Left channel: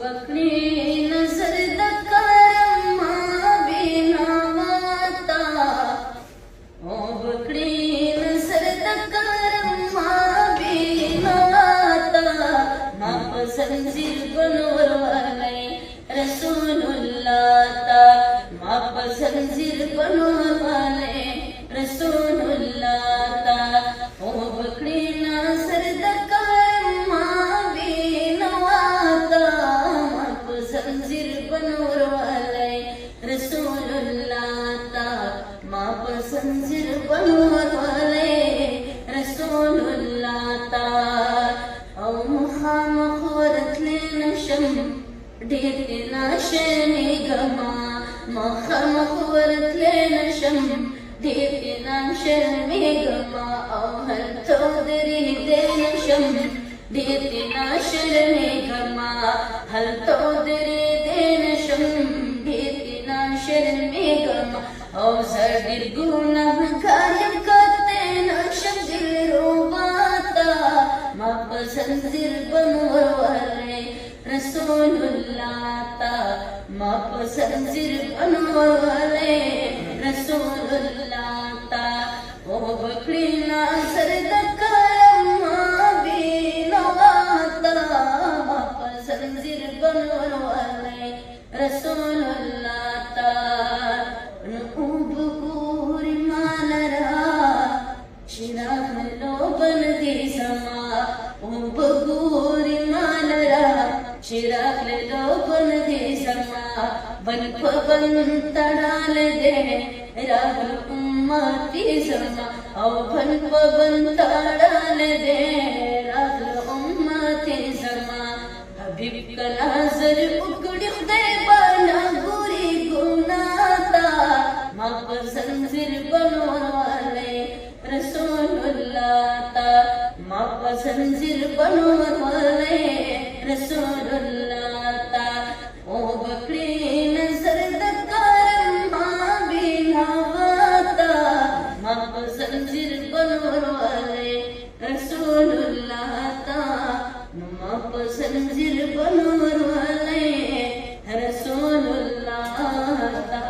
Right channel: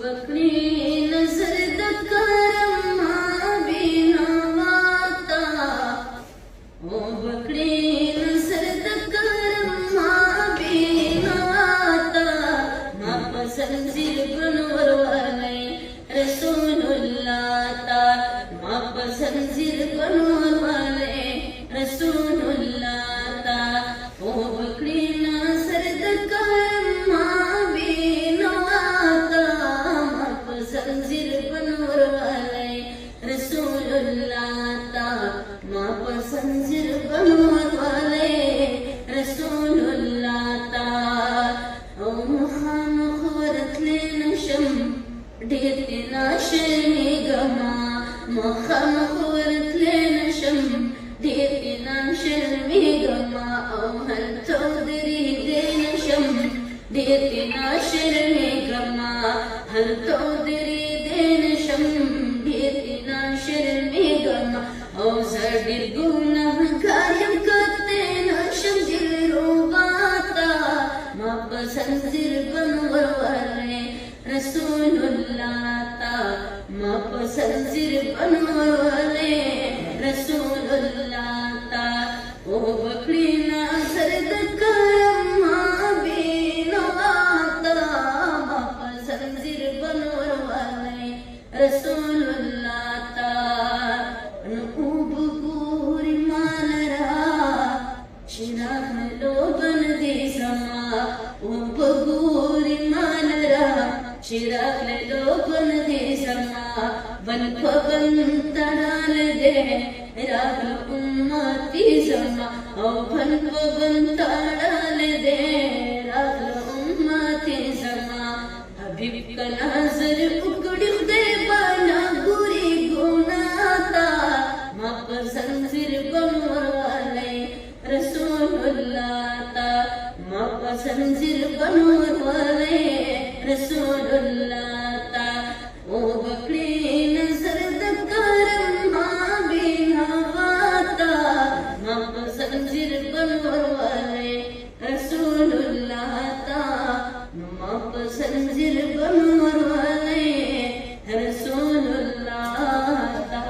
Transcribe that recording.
बकरी नजर दकरम बिनावाता ओ बकरी नजर दकरम बिनावाता माप संजीर बनवर वाले रसूलुल्लाह ता माप संजीर बनवर वाले रसूलुल्लाह ता ओ बकरी नजर दकरम बिनावाता माप संजीर बनवर वाले रसूलुल्लाह ता माप संजीर बनवर वाले रसूलुल्लाह ता ओ मुहामख वरतले नशम ढेरना शनी गमा मुहामख वरतले नशम ढेरना शनी गमा ओ हर चौधरी दे नशम ढेरना शनी गमा हर चौधरी दे नशम ढेरना शनी गमा ओ सदिर गुनाह कायम करते नशम दिलो बाता माप संजीर बनवर वाले रसूलुल्लाह ता माप संजीर बनवर वाले रसूलुल्लाह ता ओ बकरी नजर दकरम बिनावाता माप संजीर बनवर वाले रसूलुल्लाह ता बकूरी मानरा चिराग लो बन दे समा बकूरी मानरा चिराग लो बन दे समा बन तड़ाल दे राग उम्मती जमा ओ बन तड़ाल दे राग उम्मती जमा हबीब का नजर उगड़ दे बना बुरी गुनाता माप संजीर बनवर वाले रसूलुल्लाह ता माप संजीर बनवर वाले रसूलुल्लाह ता ओ बकरी नजर दकरम बिनावाता माप संजीर बनवर वाले रसूलुल्लाह ता माप संजीर बनवर वाले रसूलुल्लाह ता।